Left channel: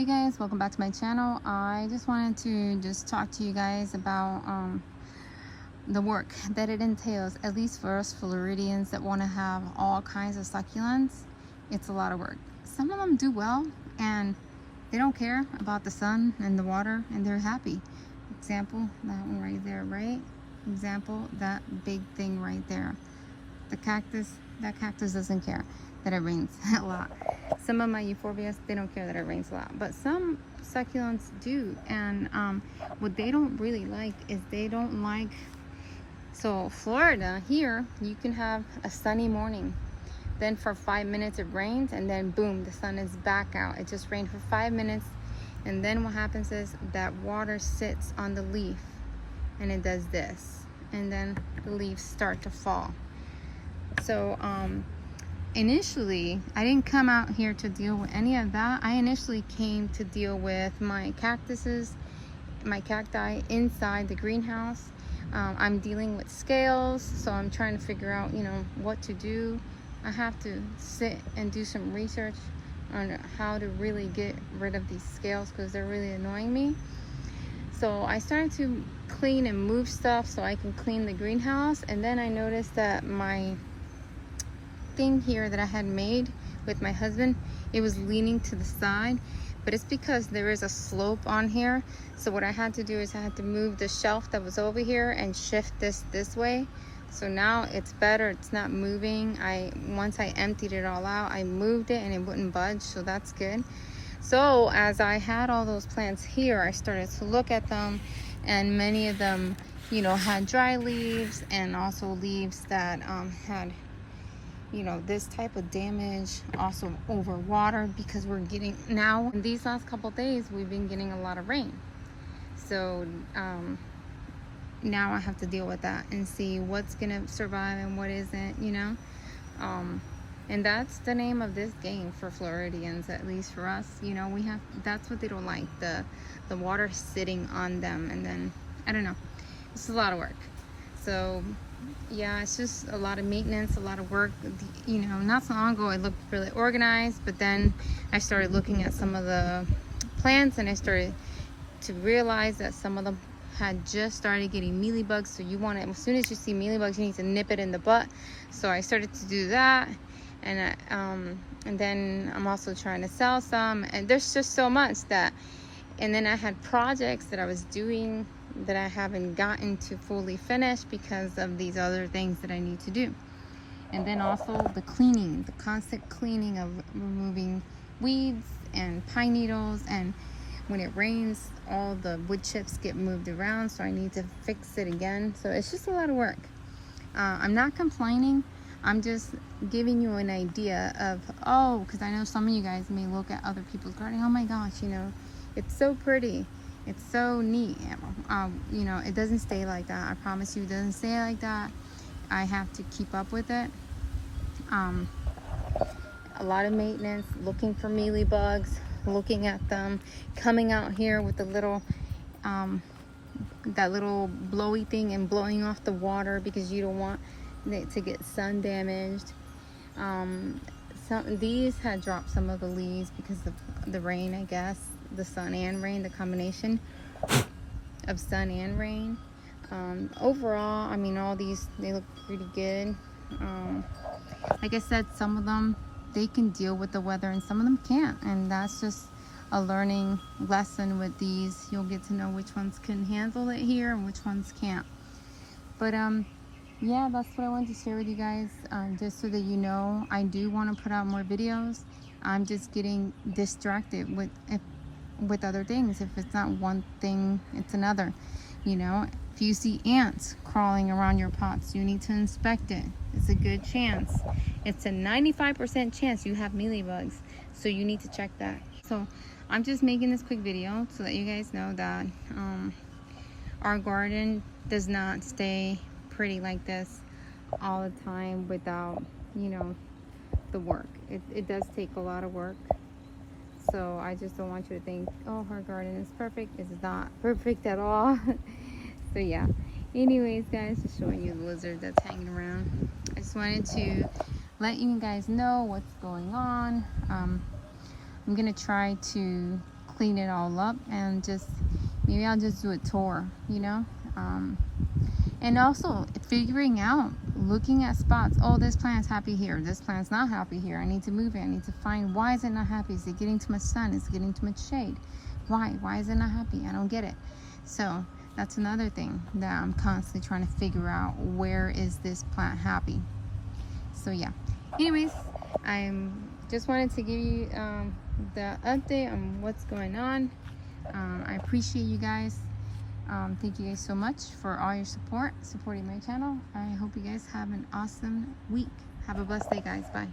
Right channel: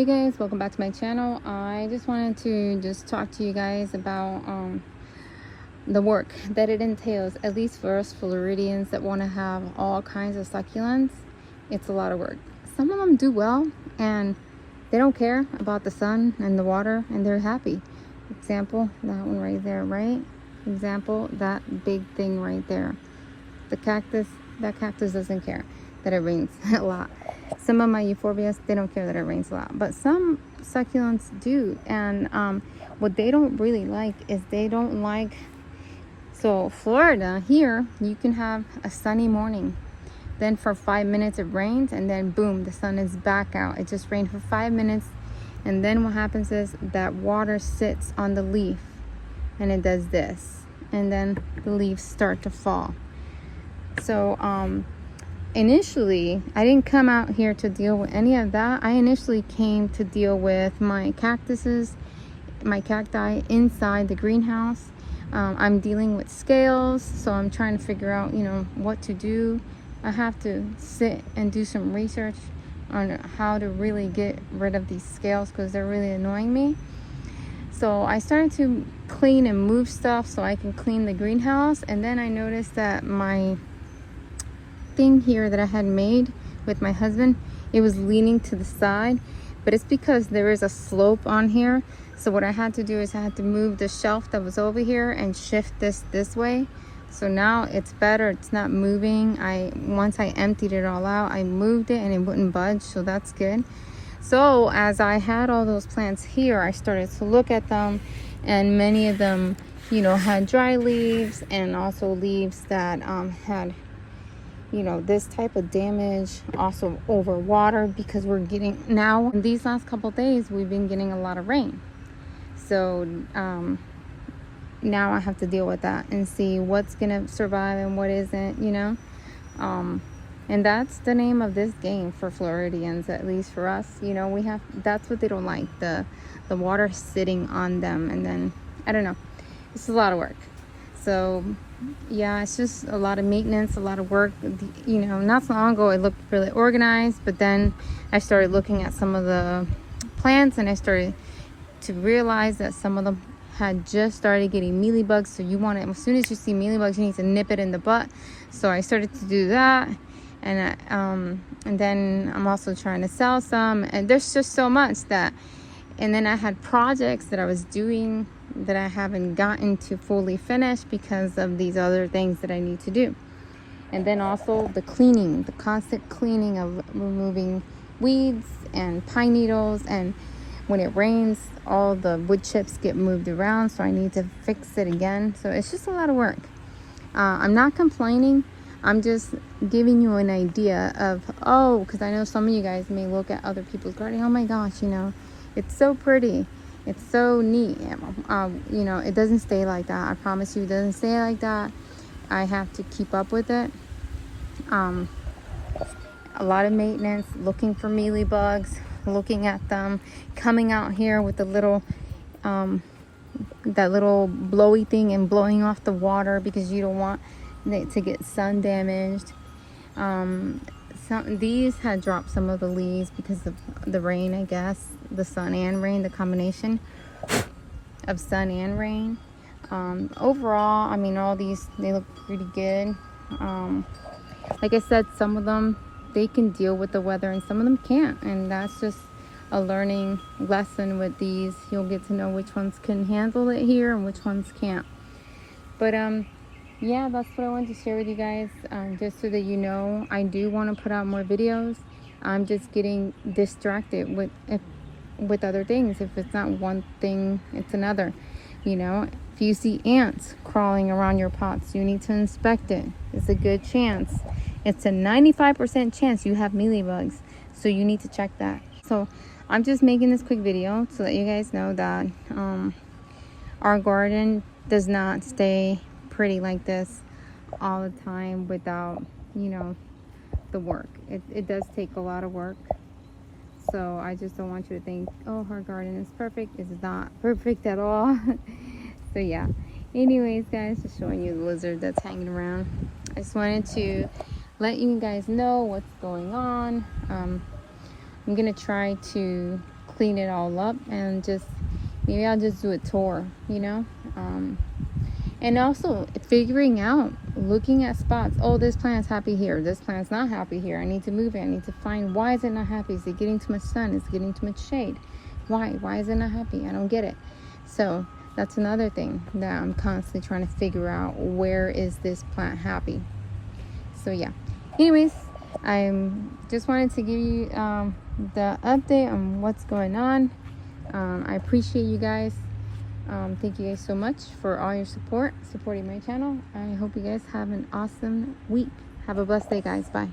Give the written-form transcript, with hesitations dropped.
Hey guys, welcome back to my channel. I just wanted to talk to you guys about the work that it entails, at least for us Floridians that want to have all kinds of succulents. It's a lot of work. Some of them do well and they don't care about the sun and the water and they're happy. Example, that one right there, right? Example, that big thing right there. The cactus, that cactus doesn't care that it rains a lot. Some of my euphorbias, they don't care that it rains a lot, but some succulents do. And what they don't really like is they don't like, so Florida here, you can have a sunny morning, then for 5 minutes it rains, and then boom, the sun is back out. It just rained for 5 minutes, and then what happens is that water sits on the leaf and it does this, and then the leaves start to fall. So initially I didn't come out here to deal with any of that. I initially came to deal with my cactuses, my cacti inside the greenhouse. I'm dealing with scales, so I'm trying to figure out, you know, what to do. I have to sit and do some research on how to really get rid of these scales because they're really annoying me. So I started to clean and move stuff so I can clean the greenhouse, and then I noticed that my thing here that I had made with my husband, it was leaning to the side, but it's because there is a slope on here. So what I had to do is I had to move the shelf that was over here and shift this way. So now it's better, it's not moving. Once I emptied it all out, I moved it and it wouldn't budge, so that's good. So as I had all those plants here, I started to look at them, and many of them, you know, had dry leaves and also leaves that had, you know, this type of damage, also over water, because we're getting, now these last couple days we've been getting a lot of rain. So now I have to deal with that and see what's gonna survive and what isn't, you know. And that's the name of this game for Floridians, at least for us. You know, we have, that's what they don't like, the water sitting on them. And then I don't know, it's a lot of work. So yeah, it's just a lot of maintenance, a lot of work. You know, not so long ago it looked really organized, but then I started looking at some of the plants and I started to realize that some of them had just started getting mealybugs. So you want to, as soon as you see mealybugs, you need to nip it in the butt. So I started to do that, and then I'm also trying to sell some, and there's just so much that, and then I had projects that I was doing that I haven't gotten to fully finish because of these other things that I need to do. And then also the cleaning, the constant cleaning of removing weeds and pine needles, and when it rains all the wood chips get moved around, so I need to fix it again. So it's just a lot of work. I'm not complaining, I'm just giving you an idea of, oh, because I know some of you guys may look at other people's gardening, oh my gosh, you know, it's so pretty, it's so neat. You know, it doesn't stay like that. I promise you, it doesn't stay like that. I have to keep up with it. A lot of maintenance, looking for mealybugs, looking at them, coming out here with the little that little blowy thing and blowing off the water because you don't want it to get sun damaged. These had dropped some of the leaves because of the rain, I guess, the sun and rain, the combination of sun and rain. Overall, I mean, all these, they look pretty good. Like I said, some of them, they can deal with the weather and some of them can't, and that's just a learning lesson with these. You'll get to know which ones can handle it here and which ones can't. But yeah, that's what I wanted to share with you guys, just so that you know, I do want to put out more videos. I'm just getting distracted with other things. If it's not one thing, it's another. You know, if you see ants crawling around your pots, you need to inspect it. It's a good chance. It's a 95% chance you have mealybugs, so you need to check that. So I'm just making this quick video so that you guys know that our garden does not stay pretty like this all the time without, you know, the work. It does take a lot of work. So I just don't want you to think, oh, her garden is perfect. It's not perfect at all. So yeah, anyways guys, just showing you the lizard that's hanging around. I just wanted to let you guys know what's going on. I'm gonna try to clean it all up, and just maybe I'll just do a tour, you know. And also figuring out, looking at spots. Oh, this plant's happy here, this plant's not happy here, I need to move it. I need to find, why is it not happy? Is it getting too much sun? Is it getting too much shade? Why is it not happy? I don't get it. So that's another thing that I'm constantly trying to figure out. Where is this plant happy? So yeah, anyways, I'm just wanted to give you the update on what's going on. I appreciate you guys. Thank you guys so much for all your supporting my channel. I hope you guys have an awesome week. Have a blessed day, guys. Bye.